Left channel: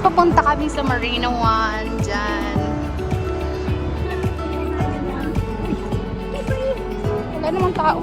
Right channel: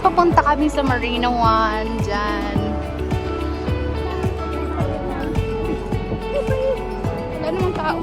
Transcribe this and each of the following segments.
Guys, papunta kami sa Marina One. Dyan. Wala namang tao.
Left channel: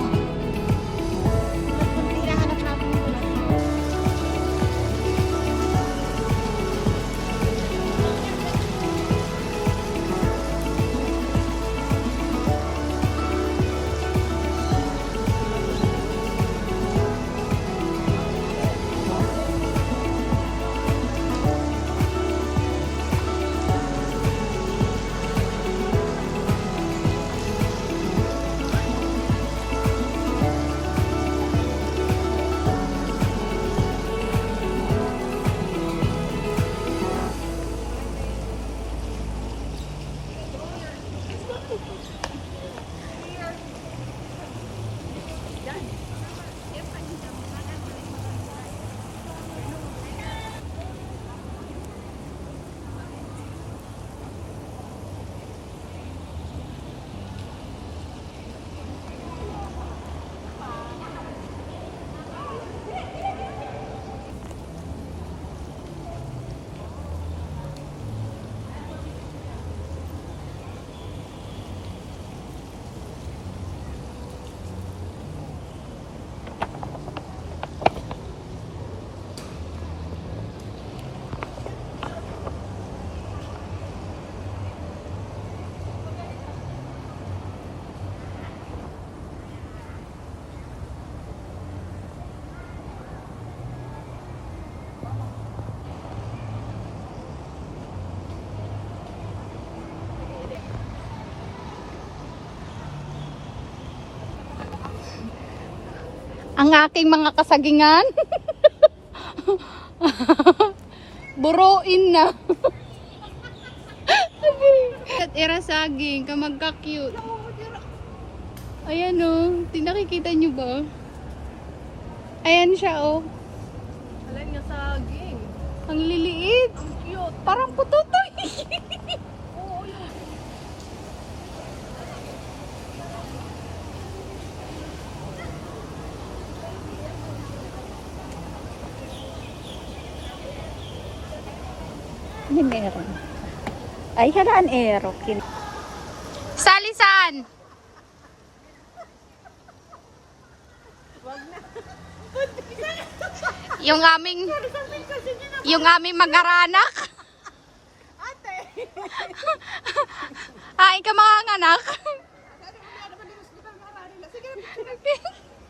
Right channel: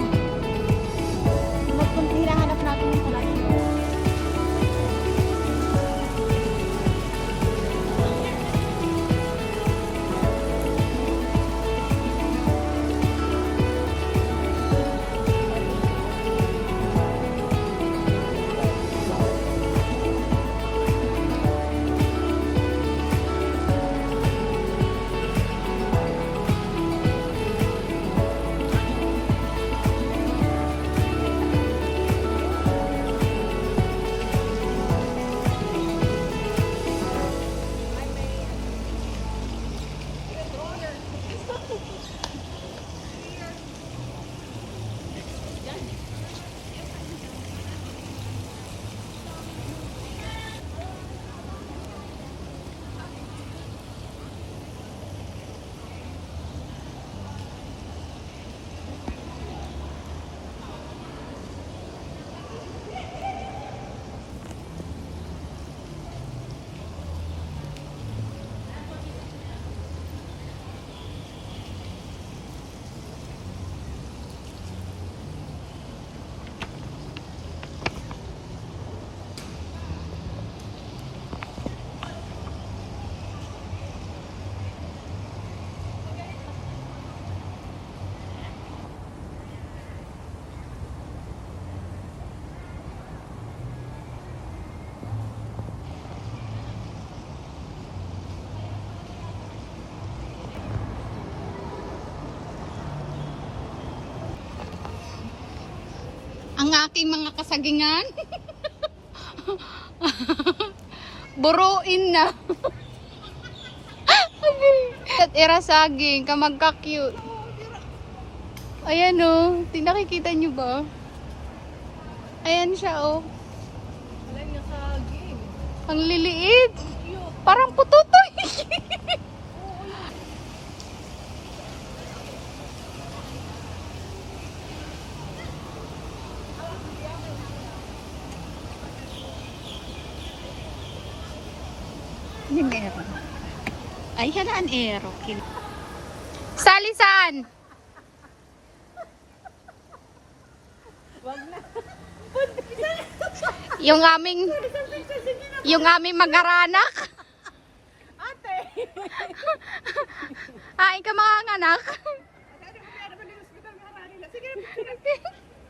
Ang aking mga kasagingan. Buruin na. At irasaging, kamagka-cute. Ayan o, nakikita nyo ba? Ayan siya o. Alam niya saging. Ang liliit. Parang pututoy. Hindi meron. Ay, halaan ero. Salisan! Yung aming mag-aranak. Ate! Hain ka mga anak. Sige,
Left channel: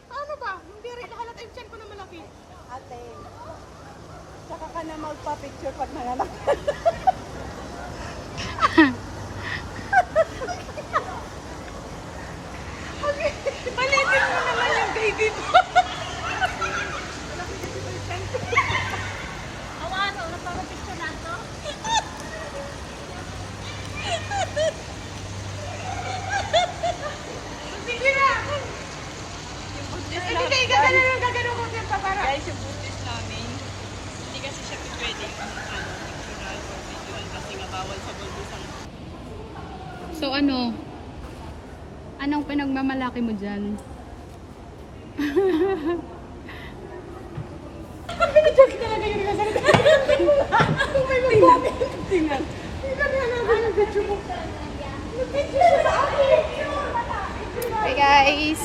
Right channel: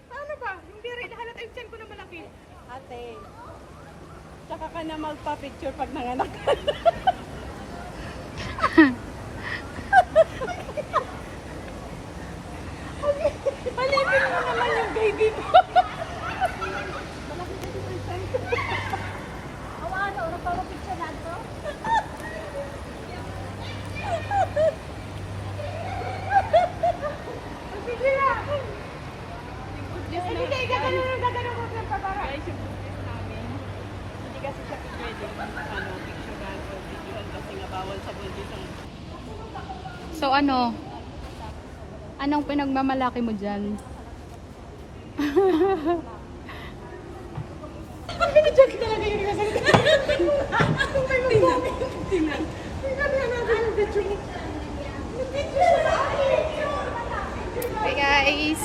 paano ba? Yung diri, nahalata yung tiyan ko na malaki. Ate, tsaka ka na magpa-picture pag nanganak. Palitin mo naman yung baby mo. Awano, nagpapapicture na ito? Sige na! Hindi, gagano ko siya pa para. Guys, yung Buddhist namin, hindi kasi siya pwede kasi nga bawal sa Buddhist ang... So ano? Anong pinagmamalaki mo dyan? Joke talaga yung gasalita. Kung may mag-comment. Tingnan. Tingnan yung video mo. Video siya sa akin. Hi guys!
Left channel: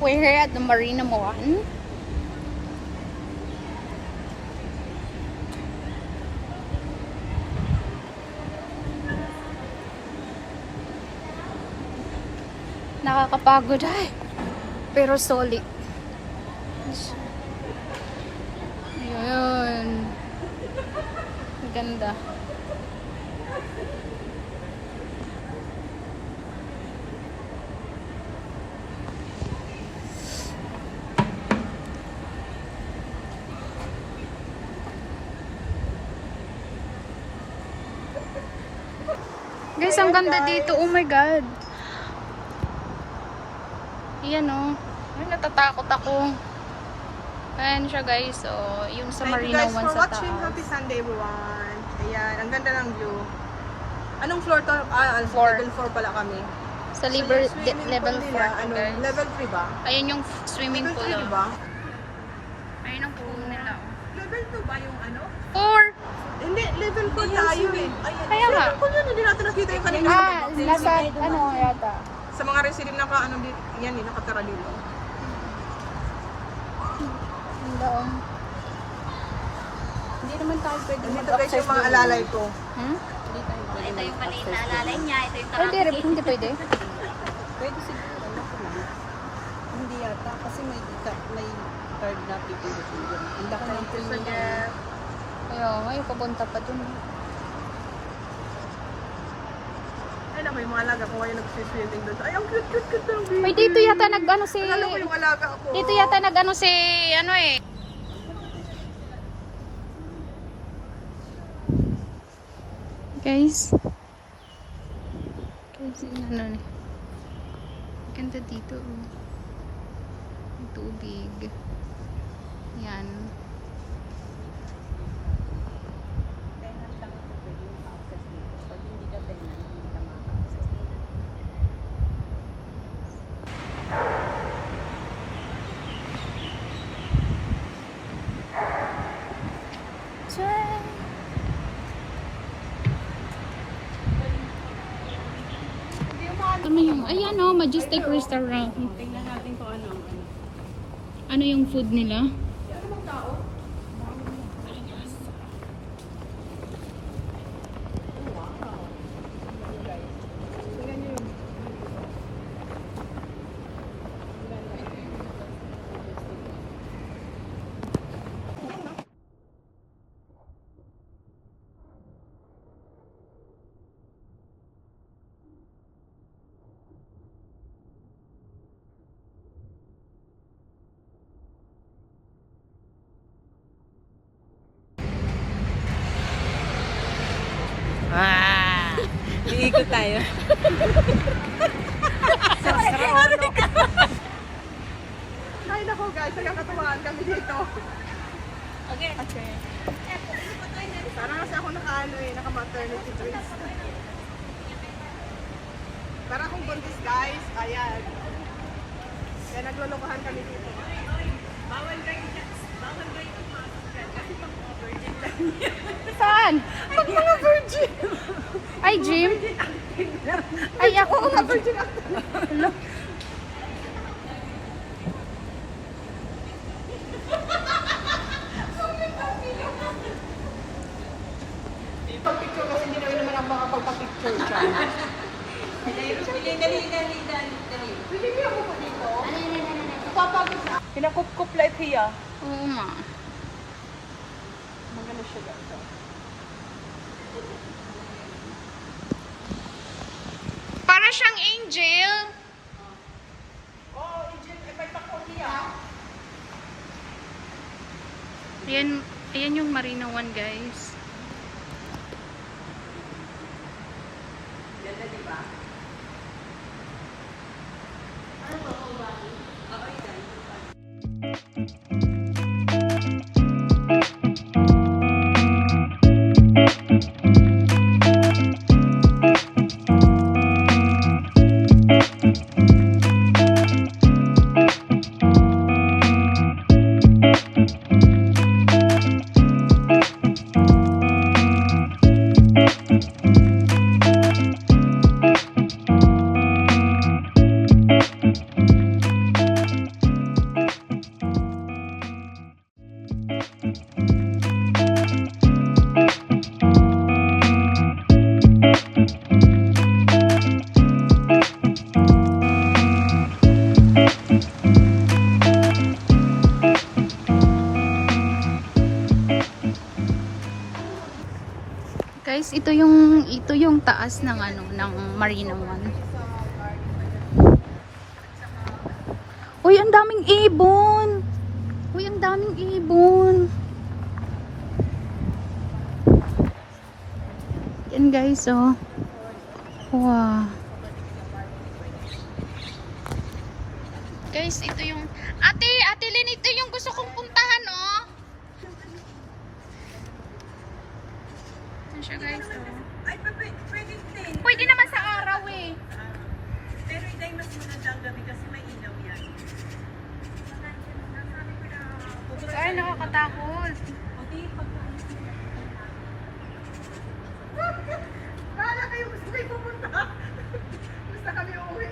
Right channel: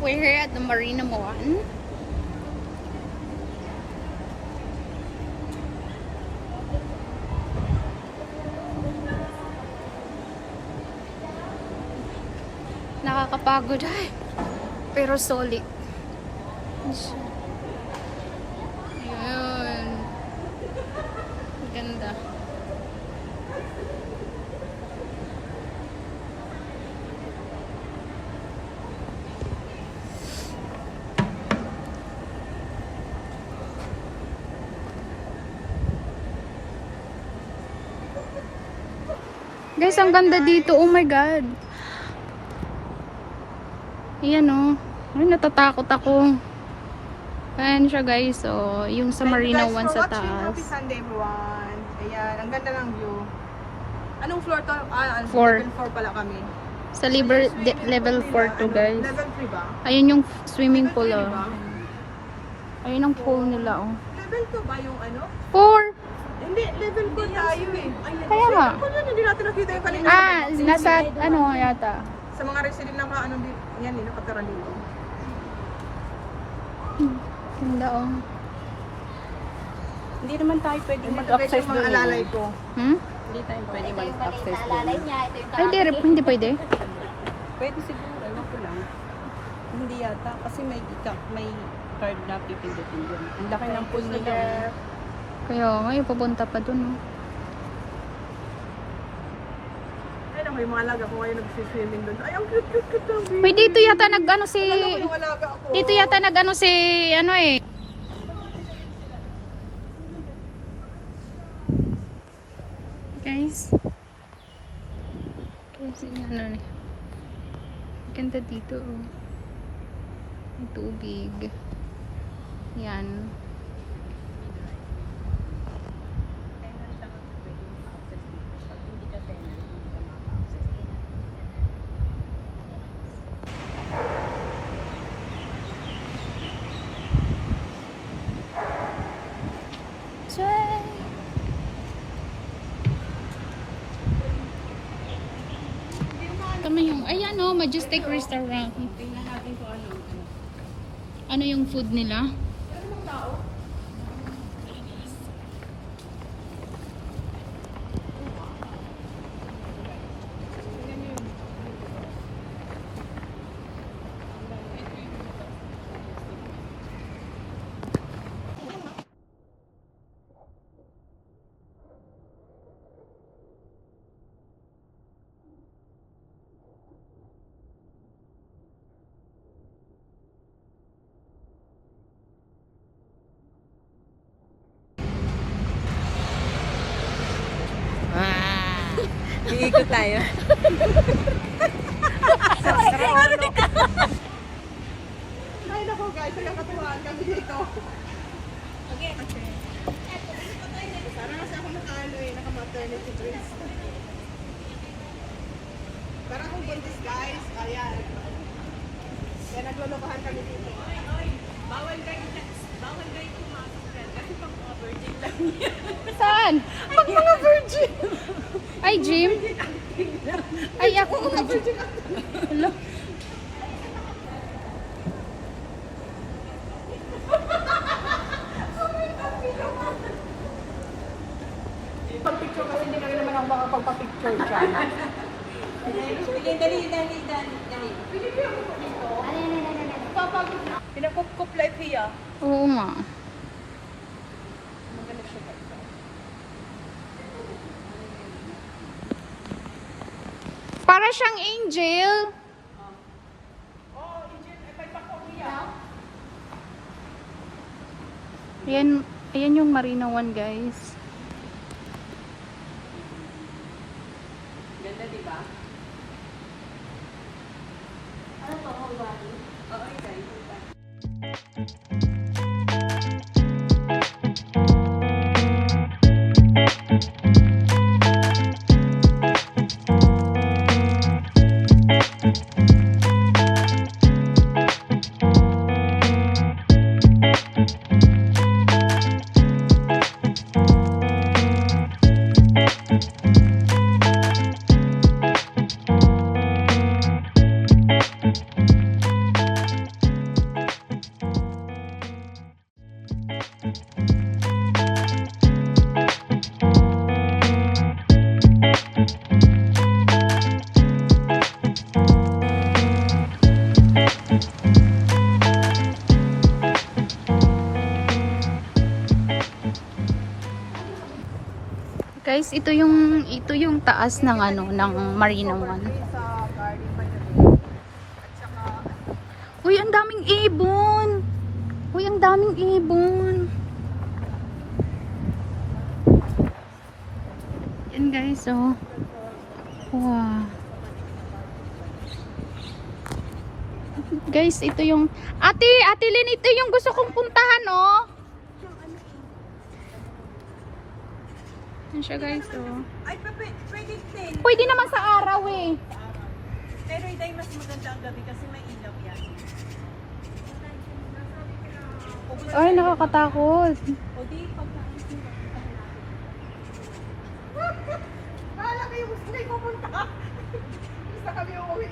We're here at the Marina One. Nakakapagod ay. Pero solid. Ayan. Ganda. Guys, ang ganda dito. Oh my God. Ayan o. Ay, natatakot ako. Ayan siya guys. So, yung sa Thank you Marina guys One for sa watching. taas. Happy Sunday everyone. Ayan, ang ganda ng view. Anong floor to? Four. Level 4 pala kami. Sa So, yung level swimming 4 pool to nila, guys. Level 3 ba? Ayun yung swimming Level pool 3 oh. ba? Ayun ang pool nila oh. Level 2 ba yung ano? 4. Hindi, level 4 tayo eh. Ayan. Kaya nga. Level 4 yun, hindi natin nakita yung kanina. Nasa ano nga yata. Sa mga resident na ano dito, yan eh, nakatira dito. Hindi naman tayo pwede. Dito guys yung mga alalay ko. Hmm? Ito yung maliit na alalay niya. Ito yung Hindi pwede. Pwede siguro. Ano ko naman. Hindi yata. Kasi may card na pipindutin doon. Ang laki ng pool Sa nila. Jeff. Kaya ngayon, pupunta pa dun. Ay naku, yung mga alaga ko ngayon nagsiswimming doon. Ay, ang cute ng baby. Wait, dito yata nag-ano si... Alala ko yung alaga ko. Dito yata nag-ano si... Ano eh. Guys. Guys, ano eh. Ganda dito oh. May tubig. Yan. Ito yung, ayan o, Majestic Restaurant. Tingnan natin kung ano. Ano yung food nila? Iikot tayo. Ay naku guys, nagkakatuwaan kami dito. Okay. Parang kasi ako naka-ano eh, naka-maternity dress. Parang akong buntis guys, ayan. Kaya naglulukuhan kami dito. Bawal guys, bawal guys yung mask. Kasi pang mga virgin lang. Saan? Pag mga virgin. Ay, Jim? Ay, ako. Mga virgin ako. Pag-picture kasi hindi naman ako makapagpa-picture siya. Pinakup-kup like hiya. Oo nga. Magano siya guys. Para siyang angel. Ayan, ayan yung Marina 1 guys. Ganda, di ba? Guys, ito yung taas ng ano ng Marina 1. Uy, ang daming ibon. Uy, ang daming ibon. Yan guys, oh. Wow. Guys, ito yung Ate Lynn, ito yung gusto kong puntahan, oh. Yan siya guys, oh. Ay, pwede din. Pwede naman sa araw, eh. Pero hindi mas maganda ang gabi kasi may ilaw yan. Ay, nakakatakot. O di, Kala kayo gusto kayo pumunta. Gusto kami uuwi.